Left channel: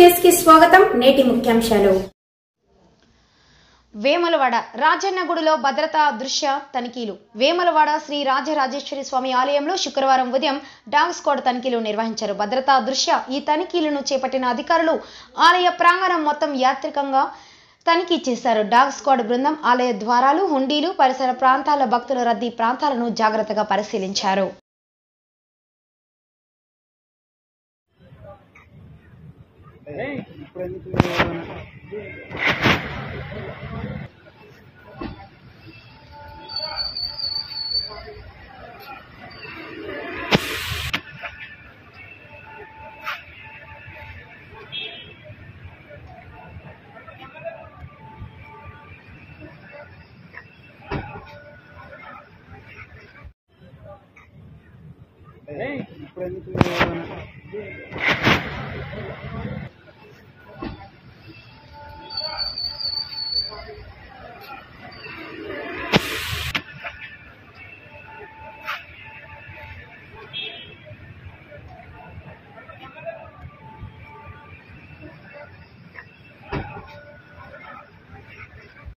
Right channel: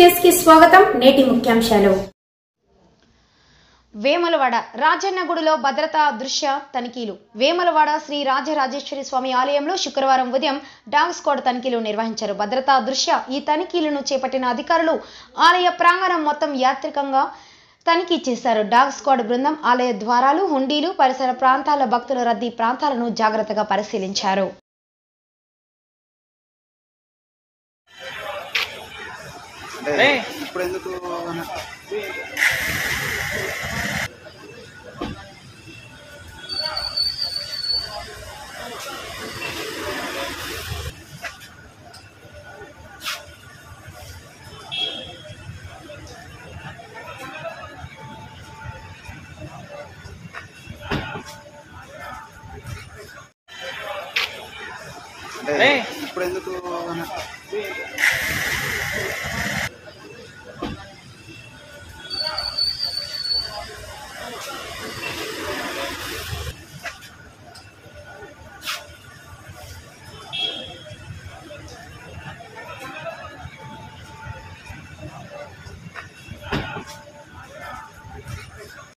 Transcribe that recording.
News కి స్వాగతం. నేటి ముఖ్యాంశాలు. వేములవాడ రాజన్నగుడిలో భద్రతా దృశ్య తనిఖీలు. వేములవాడ శ్రీ రాజరాజేశ్వరి స్వామి ఆలయంలో శుక్రవారం ఉదయం డాగ్ స్క్వాడ్ తనిఖీలు నిర్వహించారు. భద్రతా దృశ్య ఈ తనిఖీలను చేపట్టిన అధికారులు ఆలయ ప్రాంగణం మొత్తం యాత్రికంగా తనిఖీ చేశారు. డాగ్ స్క్వాడ్ బృందం ఆలయ ద్వారాలు, హుండీలు, పరిసర ప్రాంతాల భక్తుల రద్దీ ప్రాంతాలను జాగ్రత్తగా పరిశీలించారు. ఇప్పుడు ఎందుకు